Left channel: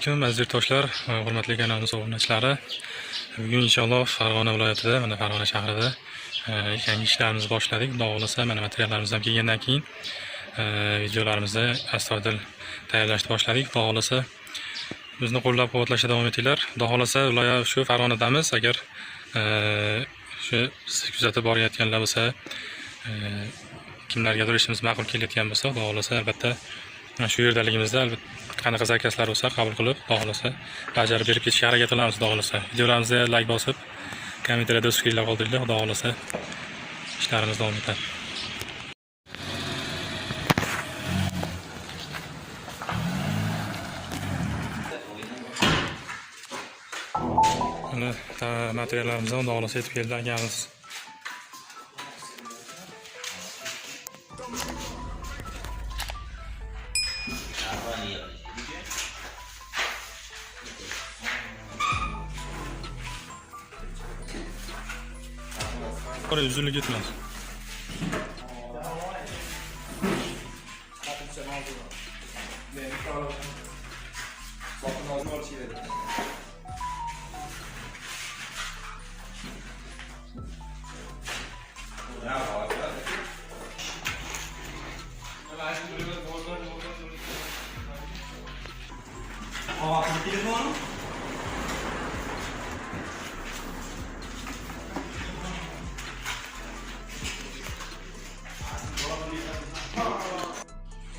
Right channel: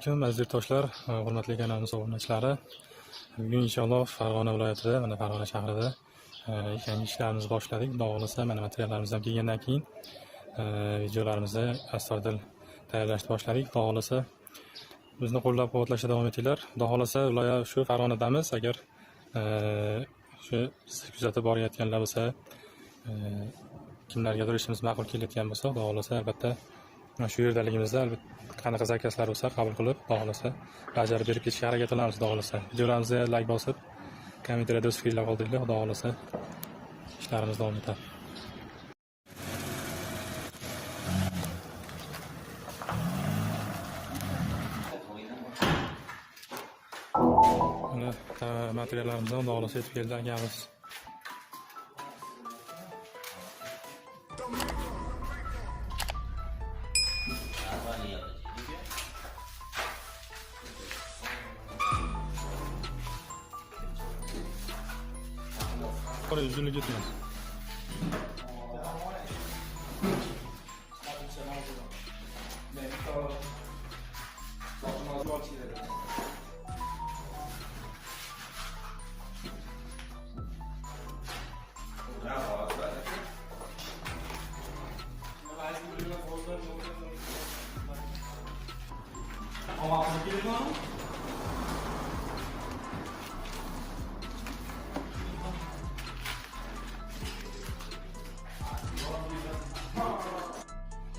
alaykum aziz yurtdoshlar, hurmatli kanalimiz obunachilari. Bugun inshaalloh Farg'ona viloyatida, mana Farg'ona shahrida yangi ishlarimizni boshladik. Xudo xolasa, mana materiallarimiz ham kelgandan keyin videolarimizni astoydil tayyorlashni boshladik. Xudo xolasa, bizni qo'llab-quvvatlashda davom etinglar. Xudo xolasa, viloyat shu Farg'onadamiz. Agar shu kuzatib borayotganlar bo'lsa, kimlargadir ishimiz ma'qul kelayotgan bo'lsa, xudo xolasa albatta shu yerdaligimizda albatta qanaqa zakazlar bo'lsa qabul qilib, xudo xolasa bajarib berib ketishga harakat qilamiz. Xudo xolasa videolarimizga like bosib, kommentariyada o'z fikrlar qoldiringlar. Xudo xolasa ishlarimiz davom etadi. Buni materiallarimizni xudo xolasa yetib kelganmiz. Oraya üzülü gitmez.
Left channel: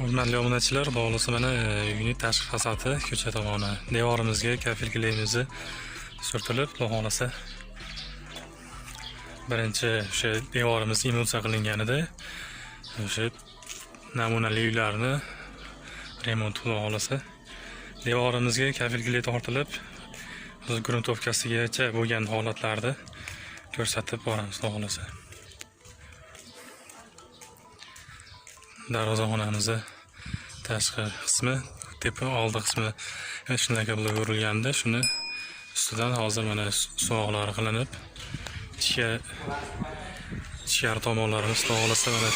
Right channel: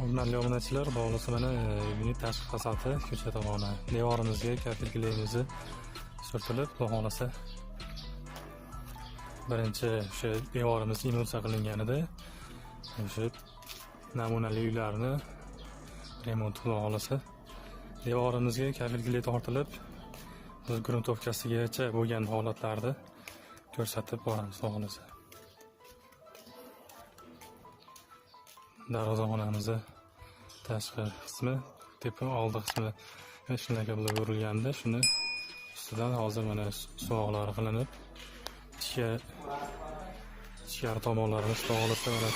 Hurmatli obunachilar, bo'lsa mana uyning tashqi fasadi ko'cha tomoni devorimizga kafilligimizni surtilib, xudo xolasa birinchi o'sha devorimiz emulsiya qilinganida o'sha namunali uylarni remont, xudo xolasa devorimizga kafillik tortilib, o'z gruntovkasigacha bo'lgan holatlarda ko'rsatib boramiz, xudo xolasa. Darvozaxonamizni tashqi qismi, tepa oldi qismi shunaqa bo'lib o'rilganda, shuni ustidan hozir mana suvoqlar qilinib, ichkari tomonlarimiz xudo xolasa mana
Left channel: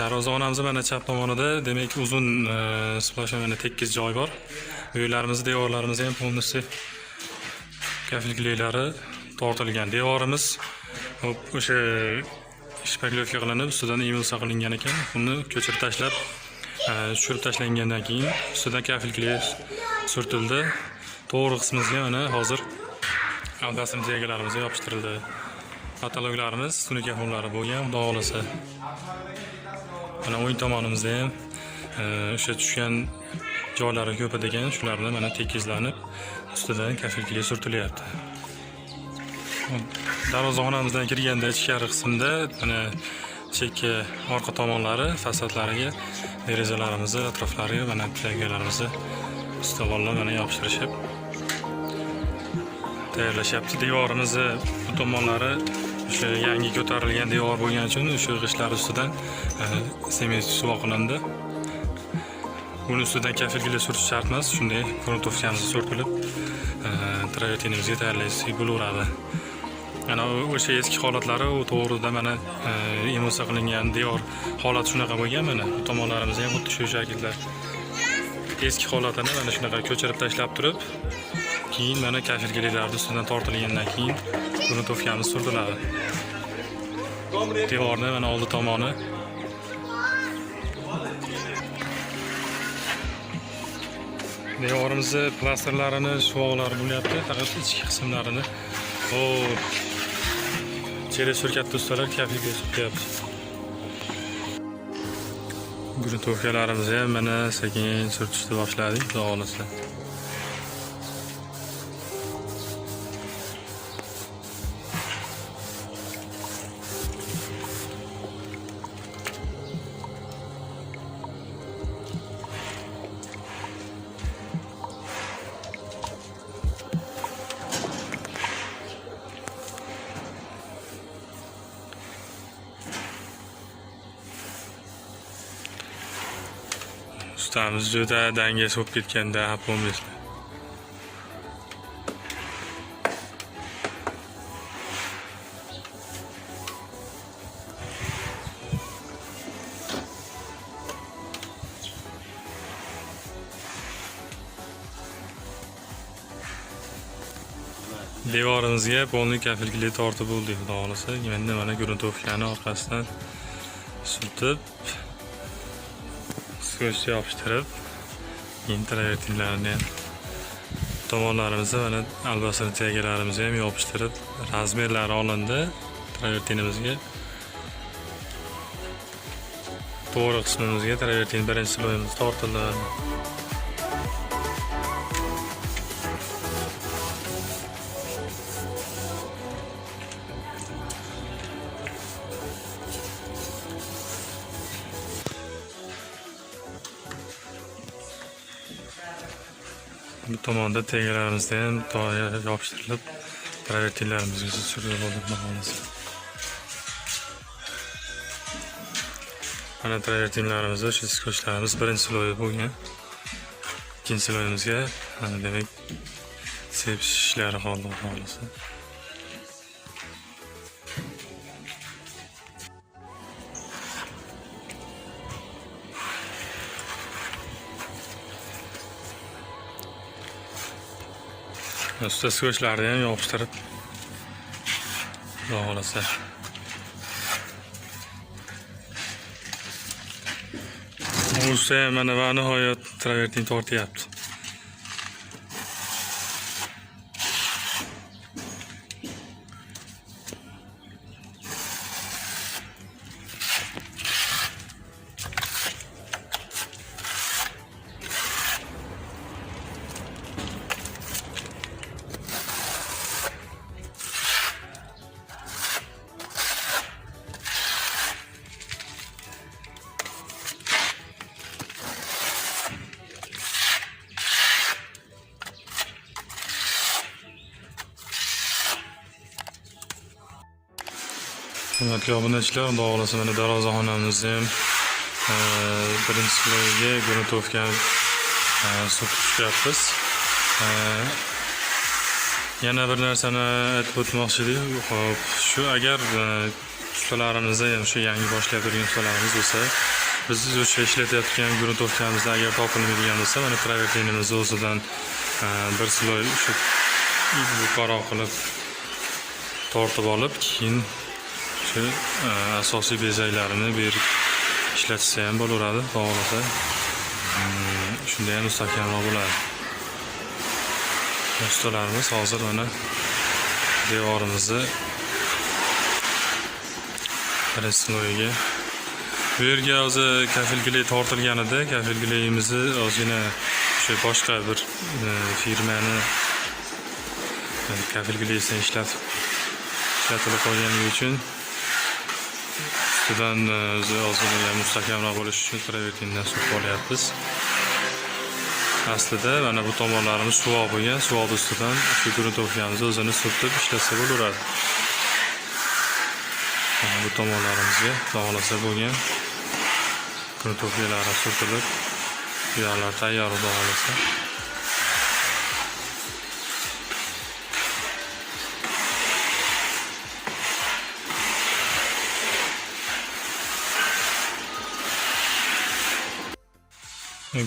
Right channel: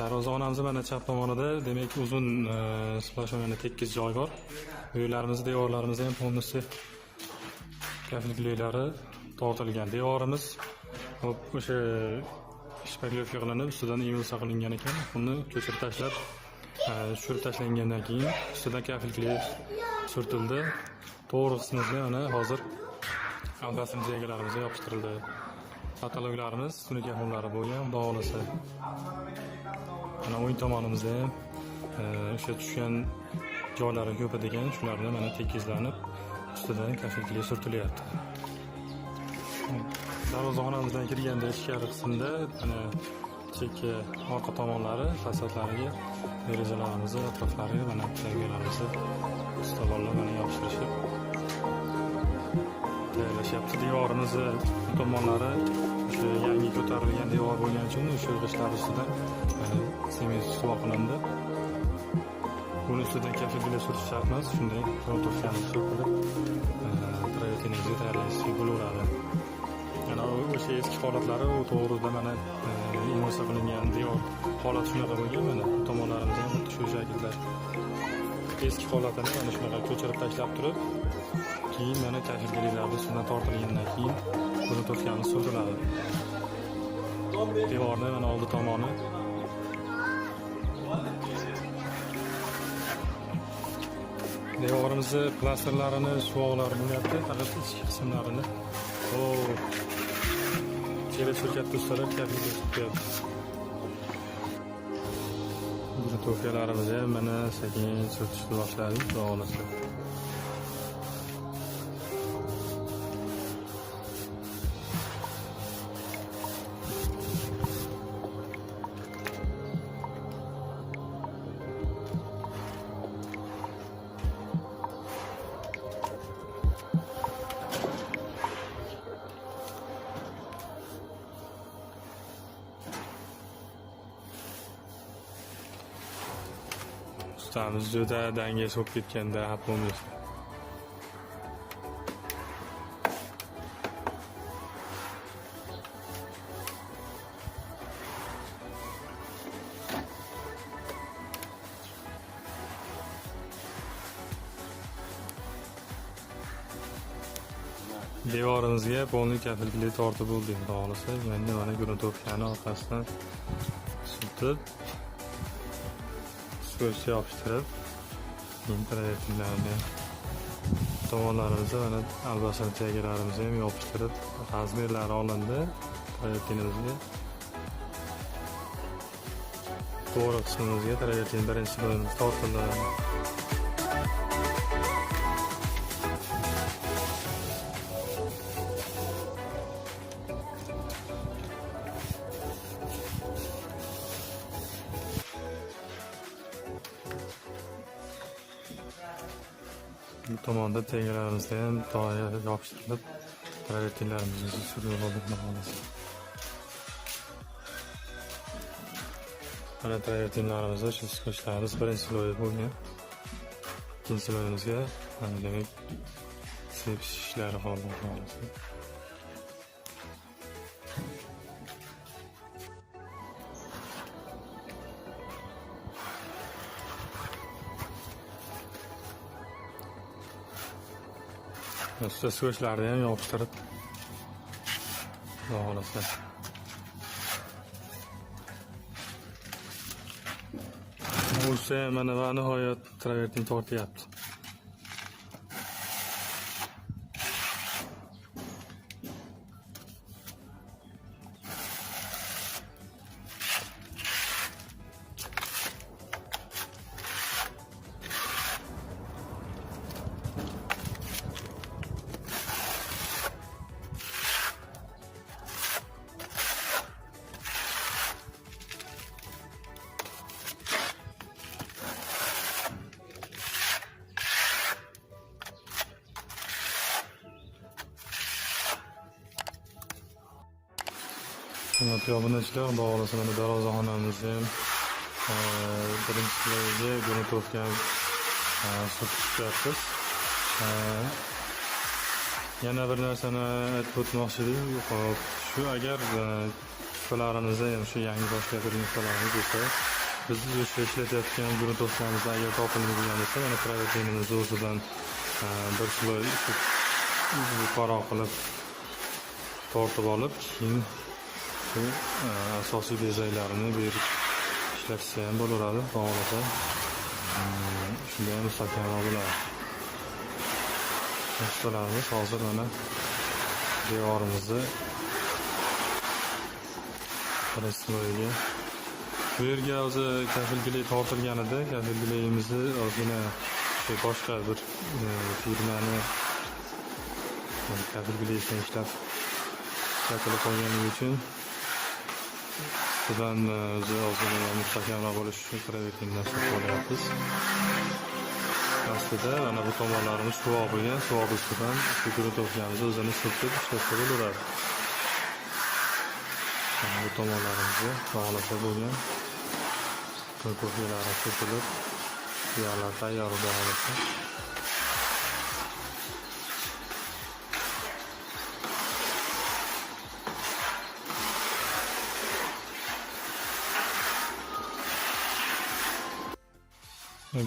darvozaxonamiz mana chap tomonida, demak uzun splashamani tekis joy bor. Uylarimiz, devorlarimiz ham полностью kafilliklari tortilgan. Devorimiz o'sha shpaglovka qilinib, ustidan emulsiya qilingan ekan. Uni ko'chirib tashlab, tushirib tashlangandan keyin ustidan kafillik surtildi. To'g'ri qismimizga mana hozir aldasini degalarimiz yopishtirildi. Patologlarimiz tunuka xonalari bo'lgan, xudo xolasa. Mana o'ng tomonimizda ham o'sha tushgan joylari ko'p ekan, shularni mana tekizlanib, ustidan kafillik surtilyapti. Darvozaxonamizdan kirganda ichkari qismda mana chekka orqa tomonlari fasadlariga derazalarimizni atroflariga mana plagiyalarimizni ustivoqlab mana yopishtirishib tayyorlashyapti. Devorimizni bu tomonlari o'sha yangi ko'tarilgan devor bo'lgani uchun o'sha g'ishtlar ustidan sement suvoq qilindi. Buni ustidan kafillik surtish shart emas, shunday gruntovkamiz surtilib travertinimizga tayyorlaysiz bo'laveradi. Mana o'sha eski holatlari u to'g'rida mana emulsiya qilingan devor holati shunaqa bo'lgan. Mana bu tomonlarimiz ham xuddi shu shaklda eski holatini mana shunaqa ko'chirib tashlab turib, keyin mana kafilliklarni ustidan tortilgandan keyin gruntovkamiz surtiladi. Devorni mana oldi tomoni devorimizni plastrlarini suvoqlari bo'lyapti, faqat ichki qismlarini Çere surkatda ustalar kafilga surtyapti. Gruntovkalarimizni ham mana sekin surtishni boshladik, xudo xolasa. Ustamiz juda dangas bo'lib ketganda bo'lmaydi. devorimizga polniy kafilgili tortib bo'ldik, xudo xohlasa. Endi mana gruntovkani orqasidan surtib, skochga yopishtirib, keyin travertinlarni ham tomonlarimizni mana albasini tegalarimizni ham yopishtirib, razmerlari olindi. Travertinimizga to'g'ri qismimizga travertin birinchi sloyimiz tortildi. Bu tomonda tegalarimizni ham yopishtirilib, travertinlarimizga surib oldik. Mana travertinlarimizni, shu skochlarimiz birinchi sloyi bo'lgan. Ikkinchi sloyimizga mana demak sepish ishlari qoldi, xohlasa. Usta skochlarni ham yopishtirib, xudo xohlasa. Usta mana va nihoyat travertin tortyapti. Hurmatli obunachilar, xudo xohlasa mana darvozaxonamizni ham birinchi sloyiga gruntovkani surtishyapmiz. Yana bir narsani aytib o'tmoqchi edim. Shu agar ustalarimizni ham shu yangi boshlayotgan turgan ustalarimiz bo'lsa, biz o'sha ishlatayotgan gruntovkamizda agar topilmaydigan bo'lsa, mana travertinimizni o'zidan bir sloy shu yuqoriroq qilib tortib olib, keyin shu asosiy bezaklarini bu yerga ishlatsa ham bo'laveradi, to'g'risi. Shunda ham mustahkamroq bo'ladi. Ustalarimiz hozir mana devorimizni birinchi sloyiga bu yerga o'zi kafilgili tortilganida, kafilgilimizni ozgina o'sha boshqa bir firmani kafilgilisini ishlatilib qolganligi uchun ustidan o'zi ozgina mustahkamroq bo'lishi uchun travertindan surtib olyapmiz. Aslida mana bu tomonlarimiz suvoq bo'lgan, suvoq ustidan shu gruntovkamizni o'zini surtib ishlatsa bo'laveradi. Bu tomonlarimizga xohlasa bo'lgan gruntovkalar surtilib, buyoqlar tayyor bo'lsa.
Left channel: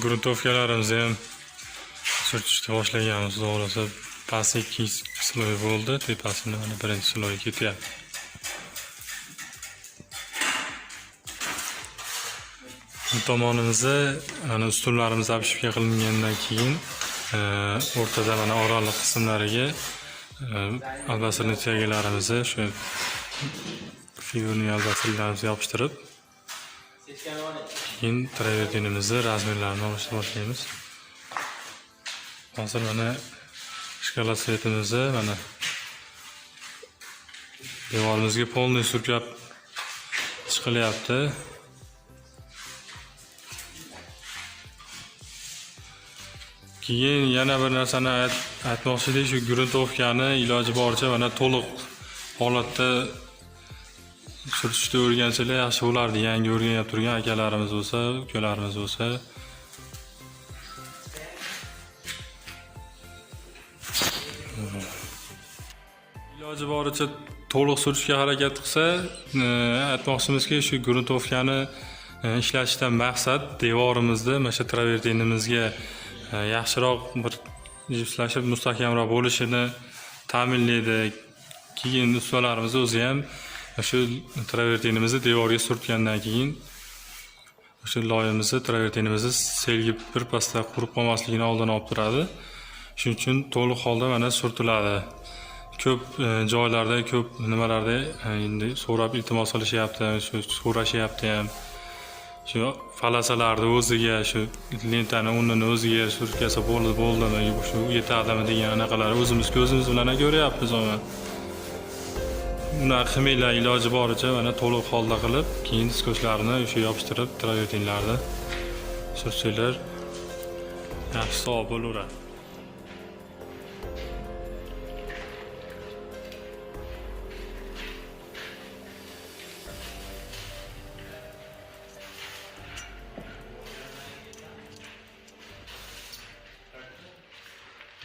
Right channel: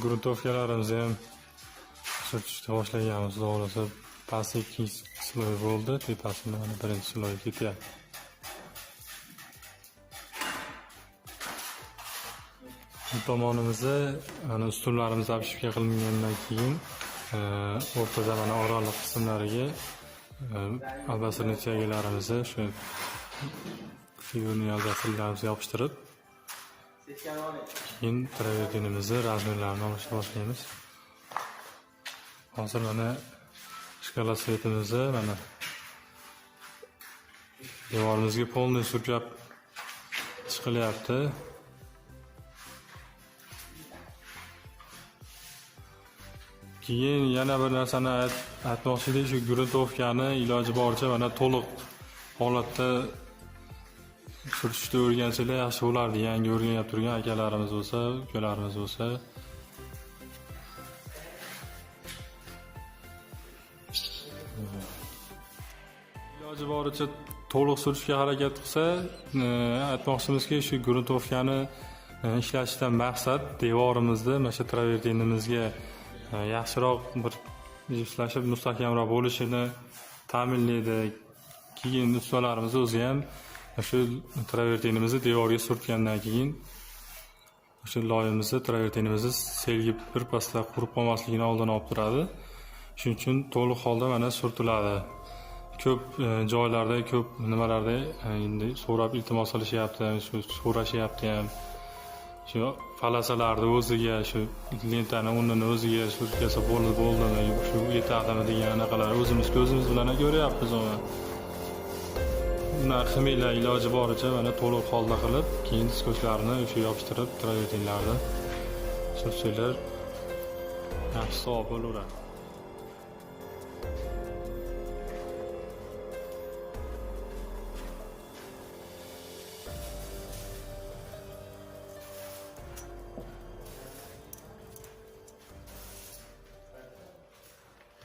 Gruntovkalarimizni ham surtishni boshlaganmiz, xudo xohlasa. Pasti ikkinchi sloy bo'ldi, tepasini mana birinchi sloy ketyapti. Bu tomonimizni mana ustunlarimiz apishga qilingandan keyin o'rtada mana oraliq qismlariga albasini tegalarimizni shu figurni albaslarimizni yopishtirib, keyin travertinimizni razmerlarini olishni boshlaymiz. Hozir mana shkola svetimizni mana devorimizga polniy surkab chiqilyapti. Keyin yana bir narsani aytmoqchi edik, shu gruntovkani iloji boricha mana to'liq holatda surtishni o'rgansalar yaxshi bo'lardi. Yangi o'rganib turgan akalarimiz bo'lsa, ukalarimiz bo'lsa. Iloji boricha to'liq surishga harakat qilsa, aytmoqchimizki, shu gruntovkani ishlatishdan maqsad devorimizni mana shu travertinimizga yaxshiroq bir jipslashib mustahkamroq bo'lishini ta'minlaydi. Keyin ustalarimiz o'zi ham o'sha travertinimizni devorga surtgandan keyin o'sha loyimizni travertinimizni selgi birpasda qurib qolmasligini oldini olib turadi. Shuning uchun to'liq holda mana surtiladi. Ko'p joylarda, ko'p nimalarda endi so'rab iltimos qilishyapti, shu so'rashyapti ham. Shu falasalarni o'ziga, shu lentani unini o'ziga surtkasa bo'ldimi, shu yetadimi degan anaqalar o'zimiz ko'zimiz bilan ko'ryapmiz uni. Unaqa qilmanglar, iloji boricha mana to'liq holda qilib, keyin diskoslarni o'sha yopishtirib, travertinlarni sursanglar yaxshi savob bo'laveradi.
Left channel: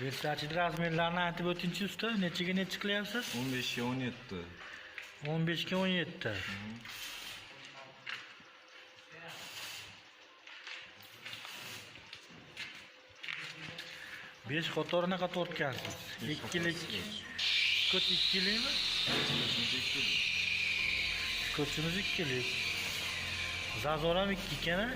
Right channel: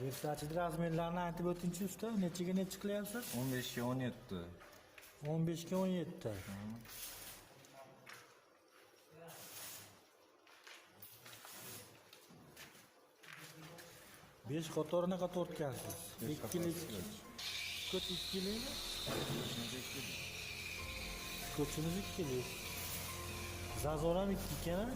Versace razmerlarini aytib o'tingchi usta, nechaga necha qilyapsiz? 15 ga 17. 15 ga 17. Besh qatorinaqa tortgansiz. Ikkilik. Ko'ch ikkilikmi? Ko'chimiz ikkilik. Zazor ham 2 ekan-a?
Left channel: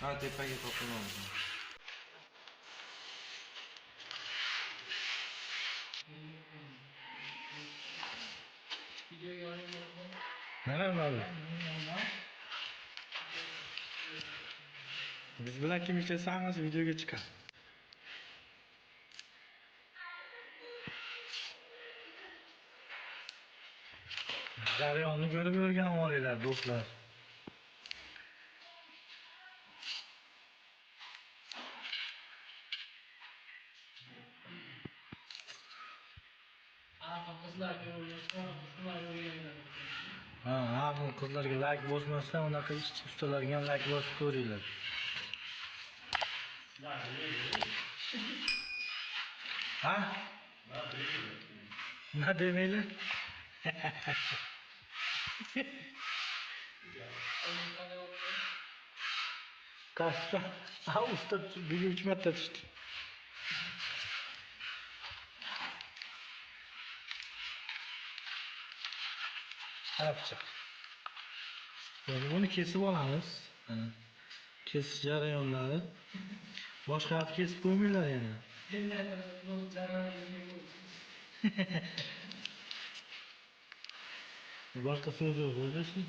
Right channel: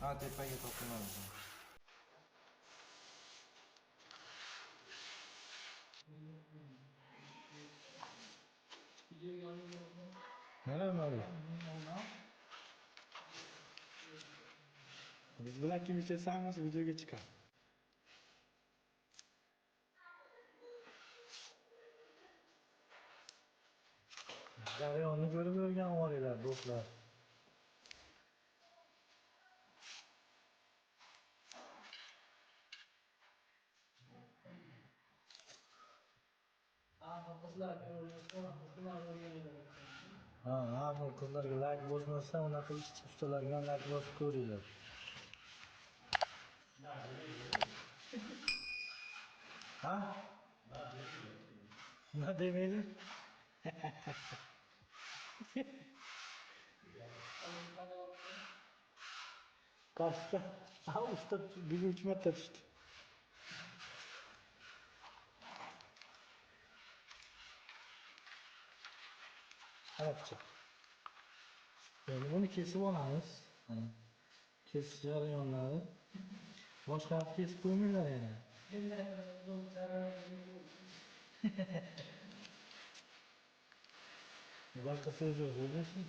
Ha, tepaga topilamiz. Mana. Biz bilan kim ishlasangiz videoga chiqadi. Jarayonni ko'rib yurgan olaylar, do'stlar. Ha, bu qizlarga like bosmasa, unaqa ishchi ustalarga ham like bosib ko'ringlar. Ha? Nima demaylar? Kaçta? Ha, usta bir 3 metre düştü. Ne yapacak? Bunu kesip alamız. Kesiş jarayonları. Boşqa qilib kesib qo'ymaylar yana. Boshqa so'z yo'q, o'zingizmi?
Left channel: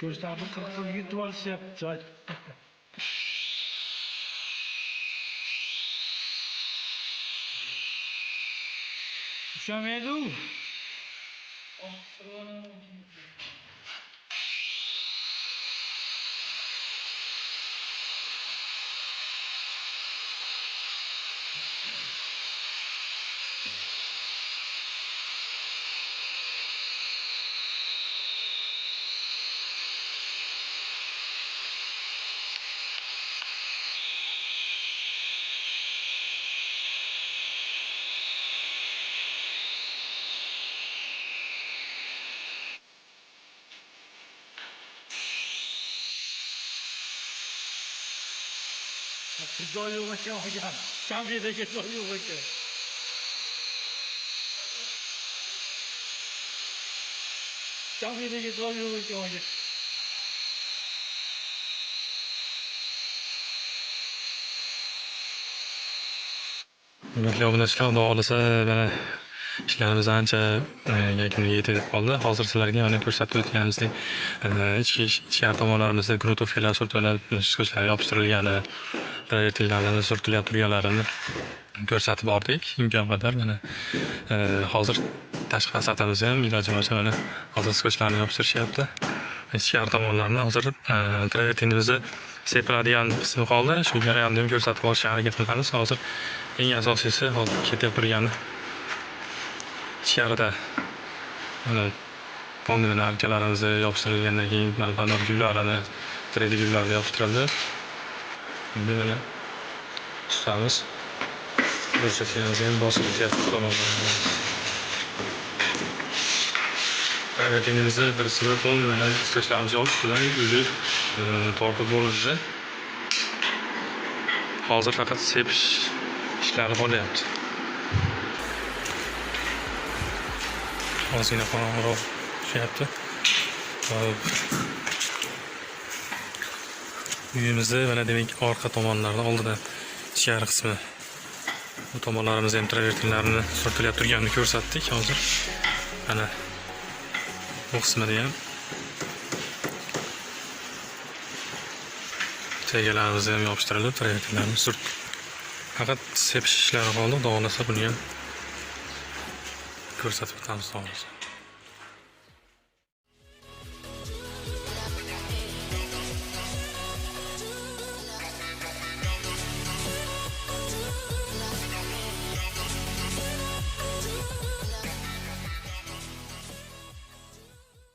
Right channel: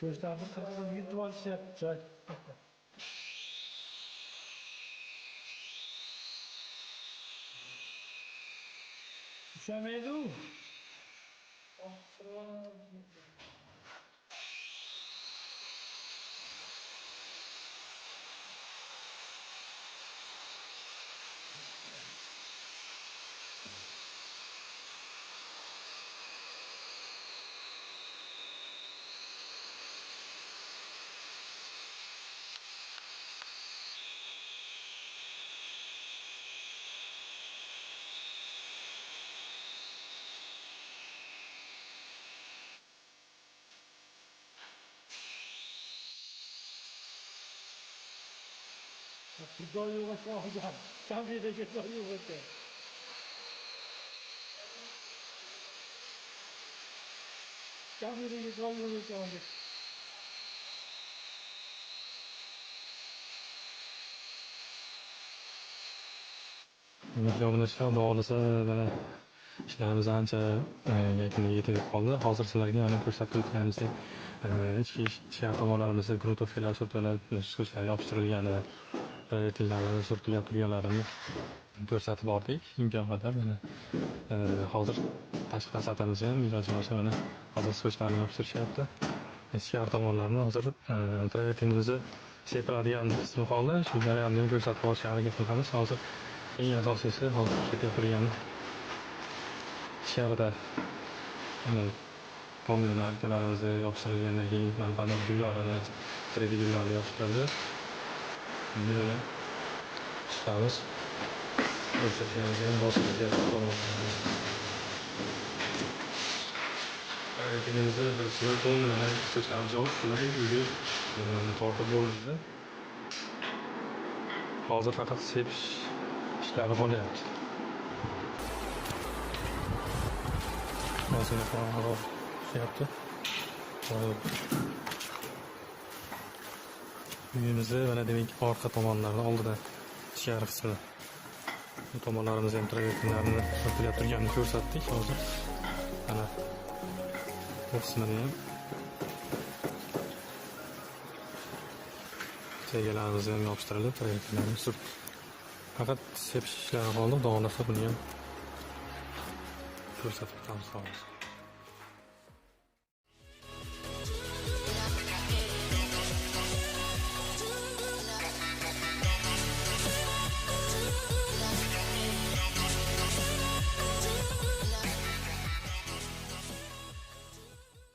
Ko'zlarni qirqib yutib olishyapti. Ushamaydi u. Doyuyor bakın hocam. Şampiydeki doyuyor bakın. Şampiydeki doyuyor bakın hocam. Hurmatli obunachilar, xudo xohlasa mana ishlarimiz ancha yakuniga yetib qoldi. Hozir sizlarga mana ko'rsatib o'tganimizdek ichkari tomonlarimizda grotofkalar surtilib, diskoslar yopishtirilgani, travertinlarni surtilib turganlarini ko'rsatib bordik. Imkon qadar mana hozir tashqi fasadimizni ham iloji boricha mana hozir diskoslarni yopishtirishyapti. Ichkari tomonlarni hozir travertinimizni sepadigan qismi qoldi. Shu jarayonni ham ko'rsatib borishga harakat qilamiz. Hozir eng asosiysi hozir ketib turgani ichkarida Fondilarimizni yopishtirilgandan keyin banner gullarni 3D gullarni yopishtirildi. Endi mana tutamiz. Ko'rsatganimizga bosib tomonlarni. Harakatimizni bir smartfon bilan ishlashlarimiz yo'q. Bular o'zi tortib bo'lishi. Hozir faqat sepish ishlari bo'lyapti. Ozgina qorong'iroq tushyapti. Uyimizni mana demak orqa tomonlarida oldida ichkari qismi bu tomonlarimiz ham travertinlarini surtilib turganini ko'rsatdik hozir. Mana bu qismida ham tegalarimiz ham yopishtirilib, travertinlarni surt. Faqat sepish ishlari qoldi, xudo xolasa buni ham ko'rsatib o'tamiz.